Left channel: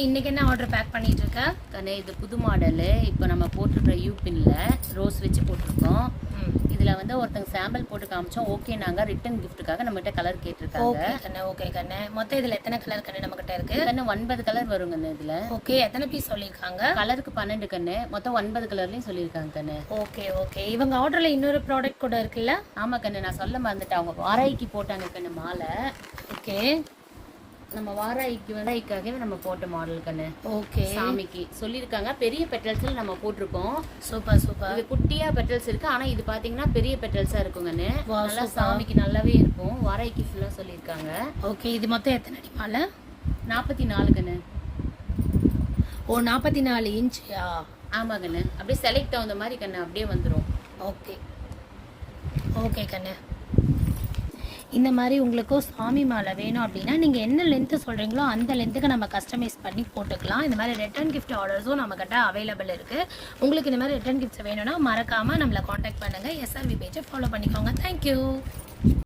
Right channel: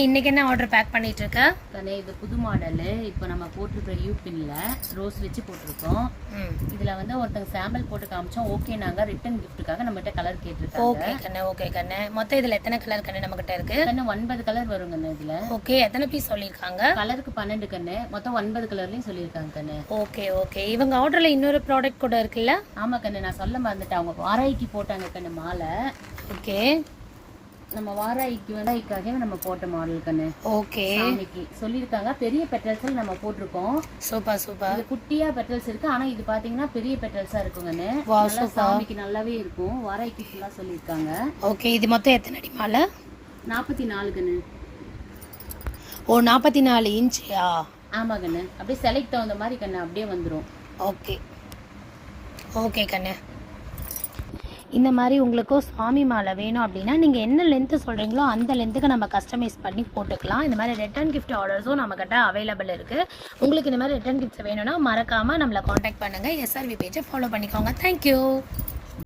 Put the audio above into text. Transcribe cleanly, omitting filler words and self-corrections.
இன்னைக்கு என்ன order back பண்ணிட்டு இருக்க? கண்ணே இது புது மாடலு. இப்போ நம்ம போட்டிருக்கிற யூபின்ல ரோஸ் வச்சு போட்டிருக்கோம். இதுல வந்து ஒருத்தங்க சாம்பிள் போட்டு காமிச்சோம். ஓகே, நாங்க ரிட்டன் கிஃப்ட்டுக்காக நம்மகிட்ட கலர் கேட்டிருக்காங்க. ஓகே கண்ணே, ஓகே கண்ணே. மொத்தம் இதுல எத்தனை கலர் கண்ணே நம்ம கிட்ட இருக்கு? கண்ணு 9 கலர் வரும் கண்ணு இதுல. ஓகே, எத்தனை பீஸ் சொல்லிருக்காங்க? கலருக்கு 12 கண்ணு, மொத்தம் 9 கலர்லயும் சொல்லியிருக்காங்க கண்ணு. Okay okay. இவங்க ஆர்டர்ல இன்னொரு ப்ராடக்ட் கூட இருக்குல்ல? ஆமா கண்ணு, நான் சொல்ல மறந்துட்டேன். அவங்க வாராய்க்கு போட்டாங்க கண்ணு மாலை. ஓகே, நம்ம வாராய்க்காகவே நம்ம போட்ட மாடல் கண்ணு. ஓகே, சாமிக்கு சொல்லியிருக்காங்க. பெரிய பெட்டல்ஸ்ல நம்ம போட்டிருக்கோம். Super super. இது குட்டியா பெட்டல்ஸ் இருக்கு, ஆனா இது பாத்தீங்கன்னா பெரிய பெட்டல்ஸா இருக்குங்கன்னு. வாவ், நல்லா சூப்பர். சாமிக்கு நல்லாவே இருக்கும். வாராய்க்கு ஃபுல்லா சொல்லியிருக்காங்க. ஓகே, இது மொத்தம் எத்தனை அடி மாலை? 44 கண்ணு. ஓ, 44 இன்ச்சியா? ஆமா கண்ணு, அப்படியே செலக்ட் தகுந்த மாதிரி கண்ணு அப்படியே வந்துடும். ஓகே ஓகே கண்ணு. இந்த மாதிரி உங்களுக்கும் சாமி மாலை வேணும் அப்படின்னா நீங்கள் என்ன லென்த்து சொல்கிறீங்களோ அந்த லென்த்துக்கு நம்ம கஸ்டமைஸ் பண்ணி போட்டுக்கலாம். இந்த மாதிரி ரிட்டன் கிஃப்ட் ஆர்டர்ஸும் நம்மக்கிட்ட அவைலபிள் இருக்குது. உங்களுக்கு இந்த மாதிரி ரிட்டன் கிஃப்ட்ஸ் வேணும்னா மறக்காமல் நம்மளை காண்டாக்ட் பண்ணுங்கள். எஸ்ஆர்வி பேஜை ஃபாலோ பண்ணிக்கோங்க. தேங்க்யூ.